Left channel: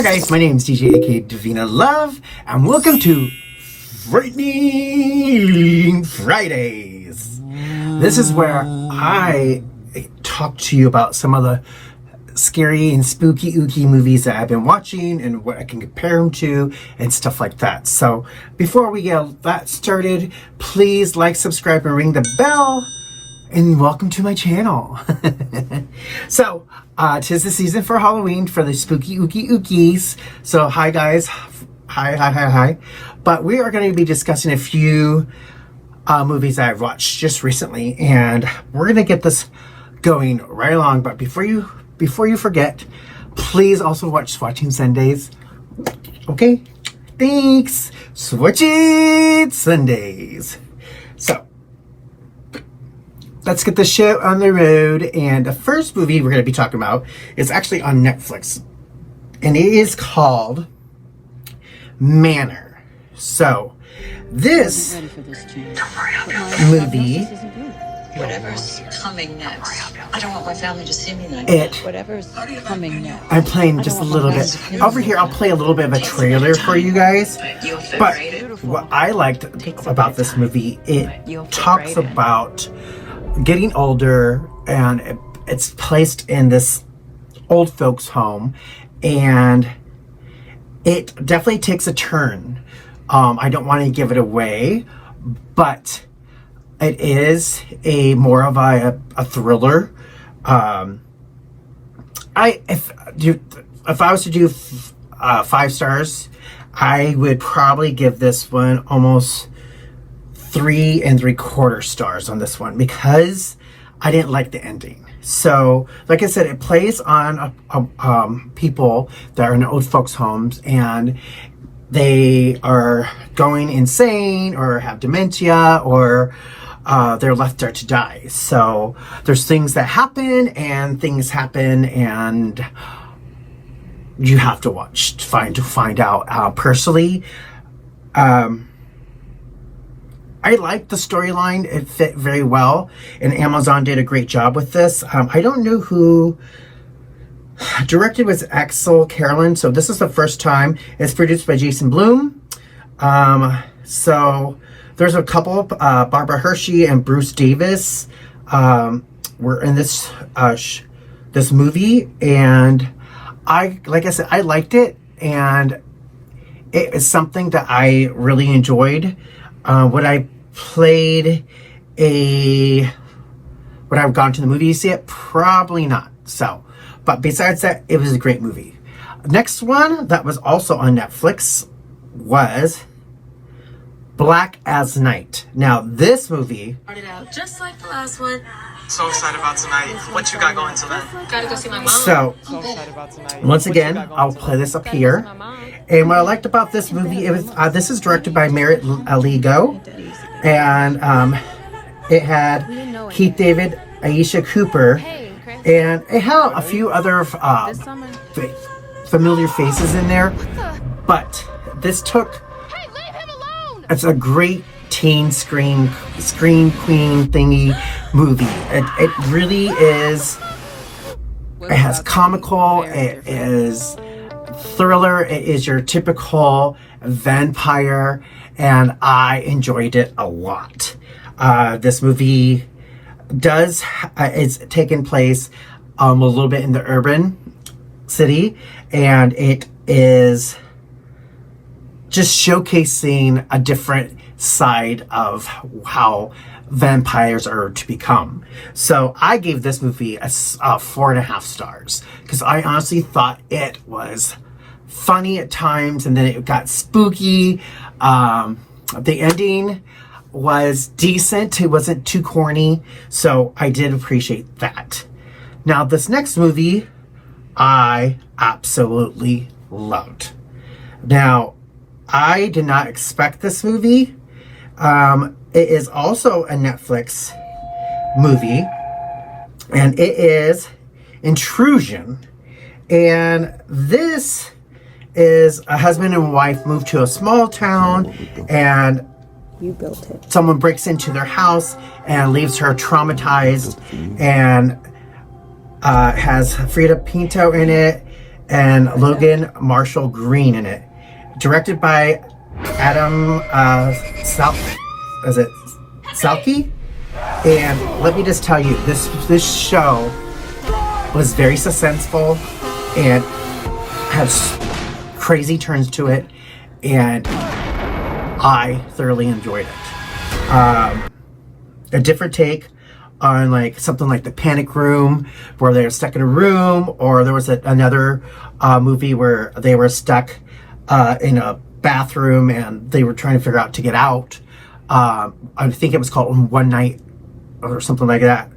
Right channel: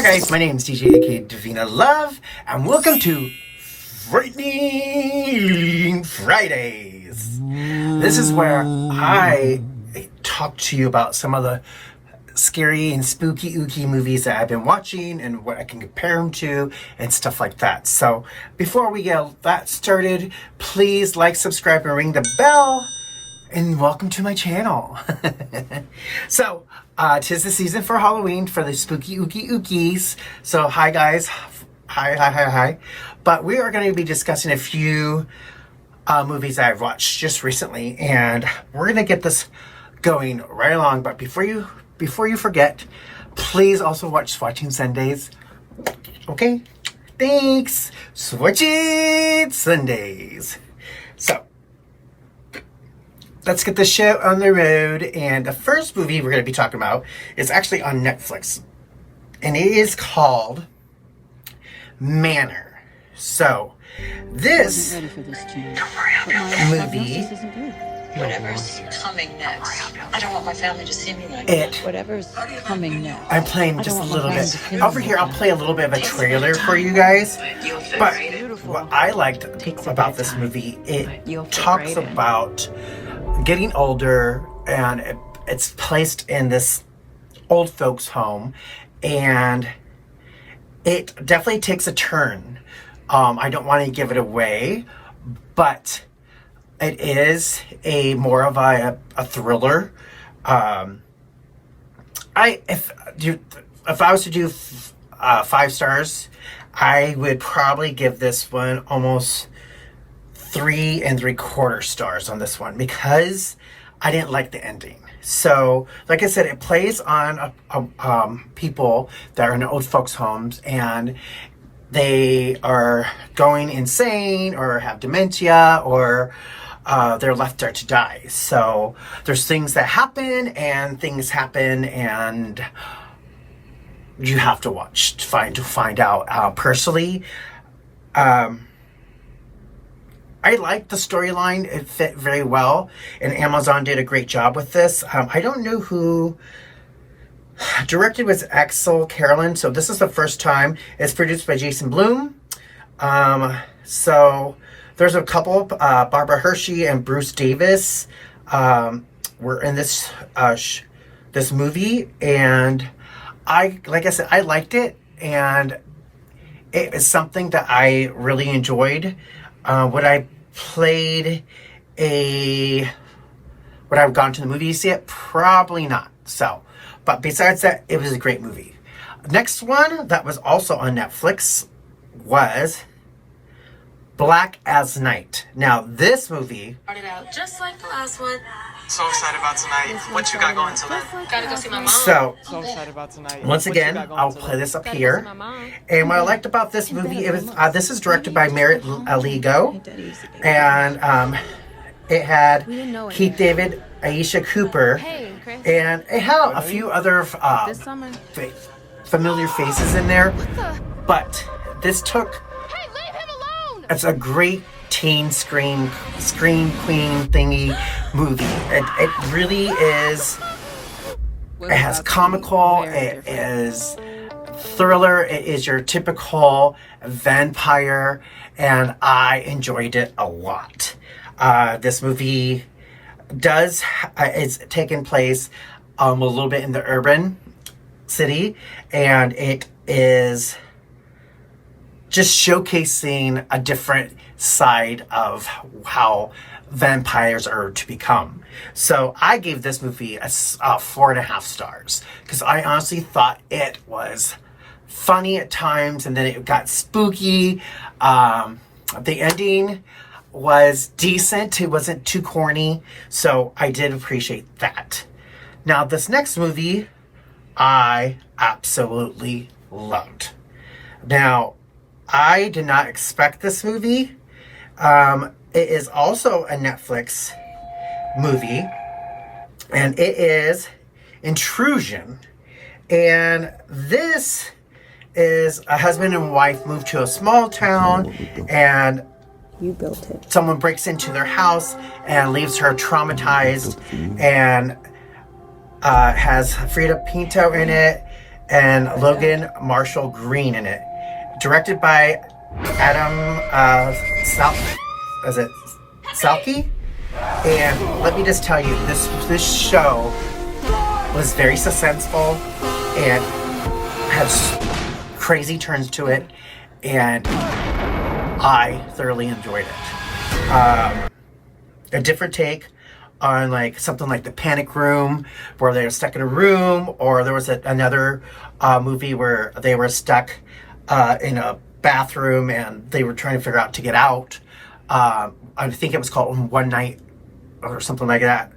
Hi guys, my name is DJ aka DavinaLove, and welcome to Frightening Fridays. This is where I talk to you about some of the scary and spooky ooky movies that I've been watching and what I can compare them to and stuff like that. So before we get that started, please like, subscribe, and ring the bell. And welcome to my channel. So, 'tis the season for Halloween for the spooky ooky ookies. So, hi guys. Hi. But we are going to be discussing a few movies I've watched just recently. And we're going to get this going right along. But before you forget, please also watch Swatching Sundays. Okay? Thanks. Swatching Sundays. So, let's get the show on the road. And the first movie we're going to be talking about is actually on Netflix. And it is called Manor. So, this movie... Whatever's coming next. I don't want my family to see me like that. Whatever's coming next. I'm playing just a little bit. Over here, I'll play a little bit of a trailer for you guys. But what I liked about this movie, it talks about getting older, and it's placed in this old folks home, and it definitely takes a turn. I don't want to give it away, but it is more of a thriller. If I was to do 5 stars, I would probably give this one almost 3 3/4 stars on this one because I didn't like the ending. So, like I said, it plays on people that are in old folks' homes and they are going insane or have dementia or they're left there to die. So there's things that happen and you have to watch to find out. Personally, I liked the storyline. It fit very well, and Amazon did a great job with this. I don't know who directed. Was Axel Carolyn. So this is the first time. It's produced by Jason Blum. So there's a couple, Barbara Hershey and Bruce Davis were in this this movie, and like I said, I liked it, and it is something that I really enjoyed. Would I have gone to the movie to see it? Probably not. So, but besides that, it was a great movie. Next one that was also on Netflix was Black as Night. Now, this movie started out just like the last one. So excited about tonight. What you got going tonight? Gotta go see my mom. So excited about tonight. Once again, I'll play this up here. And what I liked about this movie, this is directed by Merritt Lego, and it had Keith David, Aisha Cooper, and it had a few other familiar faces in there. But this took... It's a great teen screen queen thingy movie. It really is. It has comical. It is thriller. It is your typical vampire, and I enjoyed it a lot. This movie is taking place a little bit in the urban city, and it is just showcasing a different side of how vampires are to become. So I gave this movie a 4.5 stars because I honestly thought it was funny at times, and then it got spooky. The ending was decent. It wasn't too corny, so I did appreciate that. Now, this next movie I absolutely loved. Now, I did not expect this movie. It is also a Netflix movie, and it is Intrusion. And this is a husband and wife move to a small town, and someone breaks into their house and leaves her traumatized, and has Frida Pinto in it, and Logan Marshall Green in it. Directed by Adam Selfie. And let me just tell you, this show was very suspenseful and has crazy turns to it, and I thoroughly enjoyed it. A different take on like something like The Panic Room, where they're stuck in a room, or there was another movie where they were stuck in a bathroom and they were trying to figure out to get out. I think it was called One Night or something like that.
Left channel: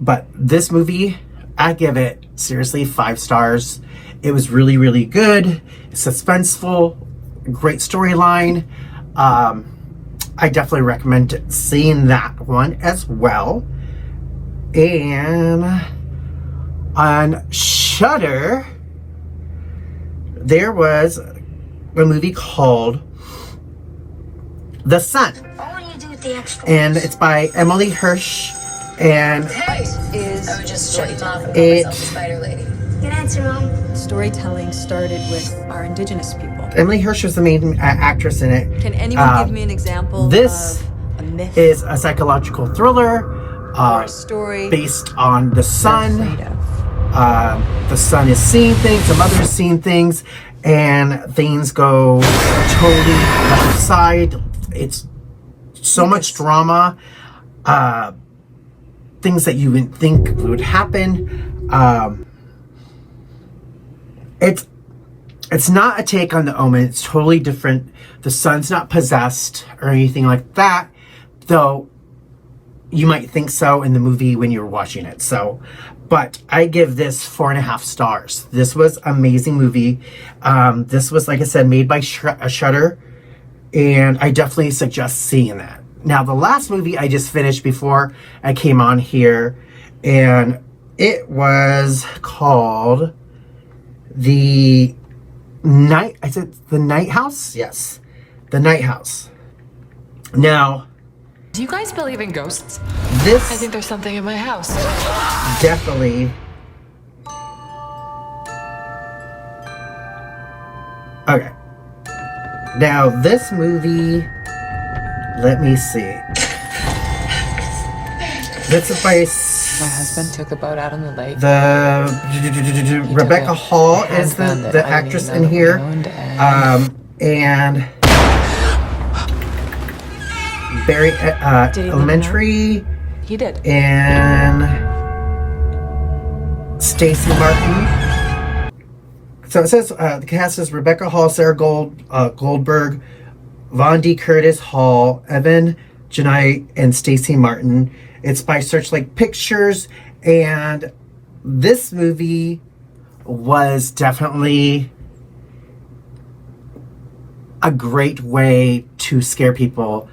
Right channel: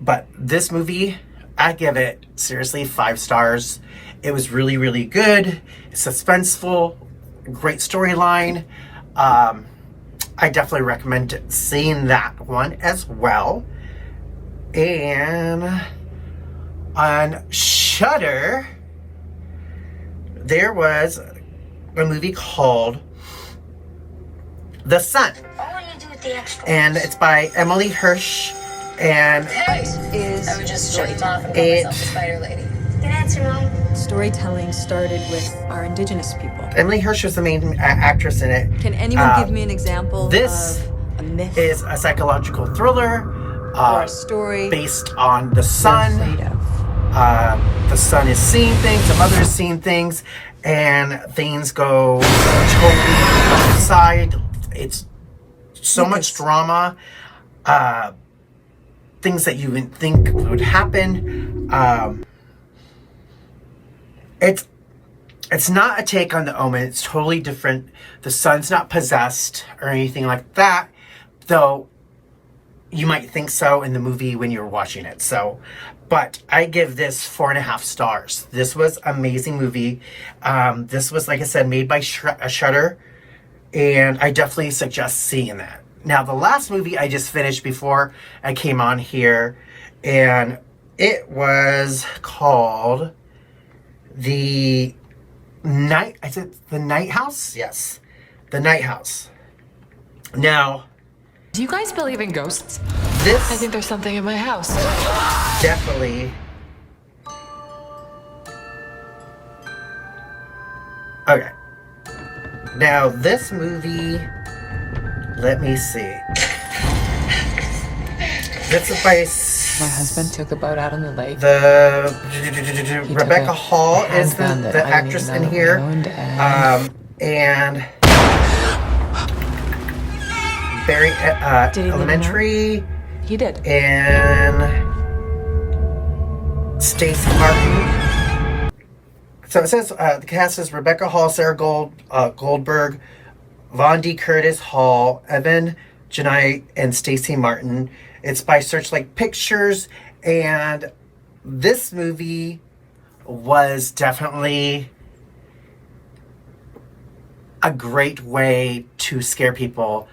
But this movie, I give it seriously 5 stars. It was really, really good. It's suspenseful, great storyline. I definitely recommend seeing that one as well. And on Shudder, there was a movie called The Sun. And it's by Emily Hirsch. And Storytelling started with our indigenous people. Emily Hirsch was the main actress in it. Can anyone give me an example this of a myth is a psychological thriller or a story based on the sun. you're afraid of? The son is seeing things, the mother is seeing things, and things go totally outside. It's so much drama, things that you wouldn't think would happen. It's not a take on The Omen. It's totally different. The son's not possessed or anything like that, though you might think so in the movie when you're watching it. So, but I give this 4.5 stars. This was an amazing movie. This was, like I said, made by Shudder, and I definitely suggest seeing that. Now, the last movie I just finished before I came on here, and it was called The Night House? Yes. The Night House. Now, do you guys believe in ghosts? This I think there's something in my house. Definitely. Okay. Now, this movie, let me see. This is by My husband took a boat out on the lake. Rebecca Hall is the actress in here. And Barry Elementary. He did. And Stacey Martin. So it says the cast is Rebecca Hall, Sarah Goldberg, Von D. Curtis Hall, Evan Janai, and Stacey Martin. It's by Searchlight Pictures, and this movie was definitely a great way to scare people.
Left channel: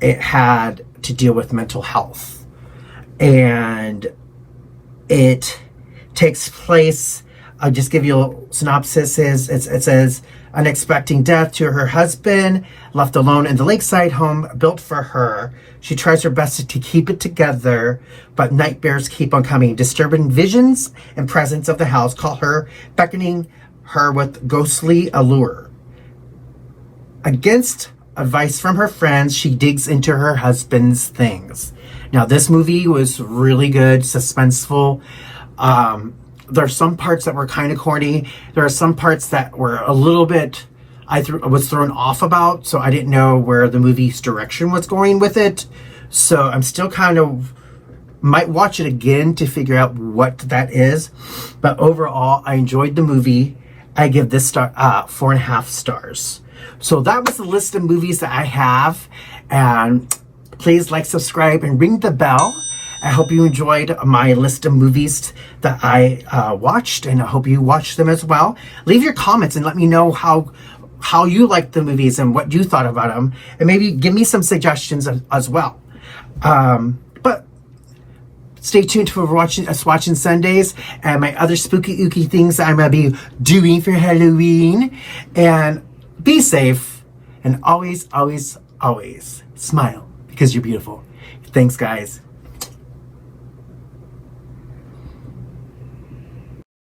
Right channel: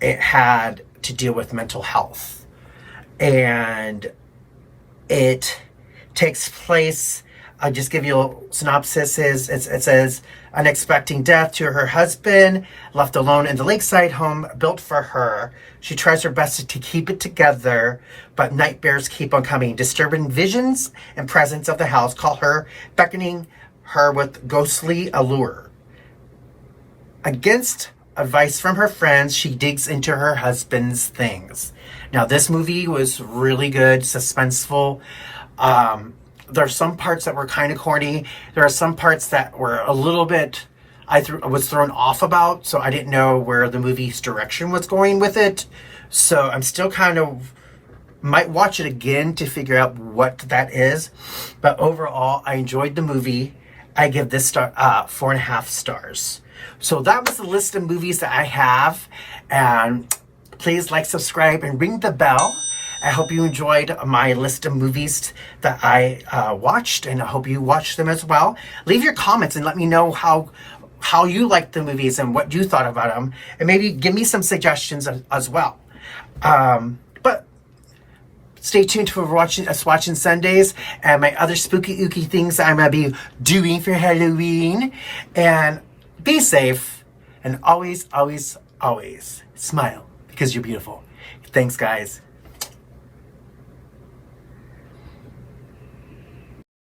It had to deal with mental health, and it takes place, I'll just give you a synopsis. It says, unexpected death to her husband, left alone in the lakeside home built for her. She tries her best to keep it together, but nightmares keep on coming. Disturbing visions and presence of the house call her, beckoning her with ghostly allure. Against advice from her friends, she digs into her husband's things. Now, this movie was really good, suspenseful. There's some parts that were kind of corny. There are some parts that were a little bit, was thrown off about, so I didn't know where the movie's direction was going with it. So I'm still kind of, might watch it again to figure out what that is. But overall, I enjoyed the movie. I give this 4.5 stars. So that was the list of movies that I have. And please like, subscribe, and ring the bell. I hope you enjoyed my list of movies that I watched, and I hope you watched them as well. Leave your comments and let me know how you liked the movies and what you thought about them, and maybe give me some suggestions as well. But stay tuned for watching Swatching Sundays and my other spooky ooky things I'm gonna be doing for Halloween. And be safe, and always, always, always smile, because you're beautiful. Thanks, guys.